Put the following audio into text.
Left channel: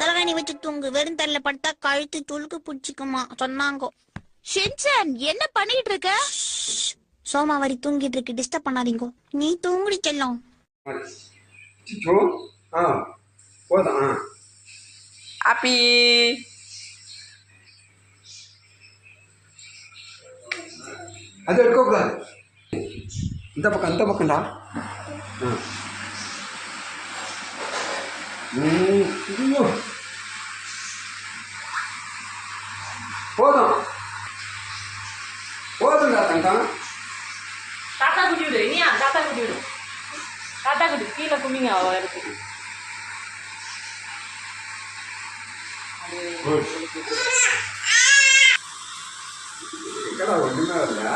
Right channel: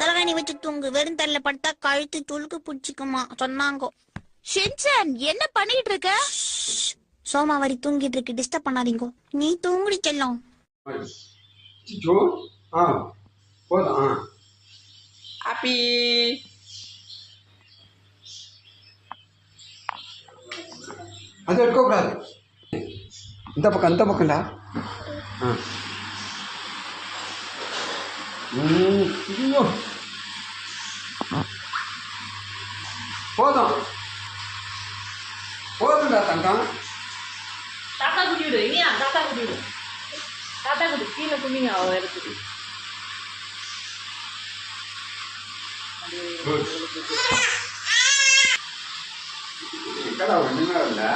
தலைகாணி வச்சு தூங்கு. வெறும் தரையில படுத்தா கழுத்து துளுக்கு பிடிச்சிக்குமா சொன்னாங்க. ஷின்சான் என்ன பண்ணிட்டு இருக்க? சோமாவாரி தூங்கிட்டு இருக்கு, டிஸ்டர்ப் பண்ணாதீங்க. நீ தூங்குடி செல்லம். போதும். அப்பி அது எடுக்கக்கூடாது. இந்த பக்கம்டா. போதும்டா தங்கம். தாத்தா குட்டி விடு, இனியா தாத்தா குட்டி விடு. தாத்தா குட்டி கீழே குனிங்க இடத்துக்கு. ஒண்ணுமே இல்லை.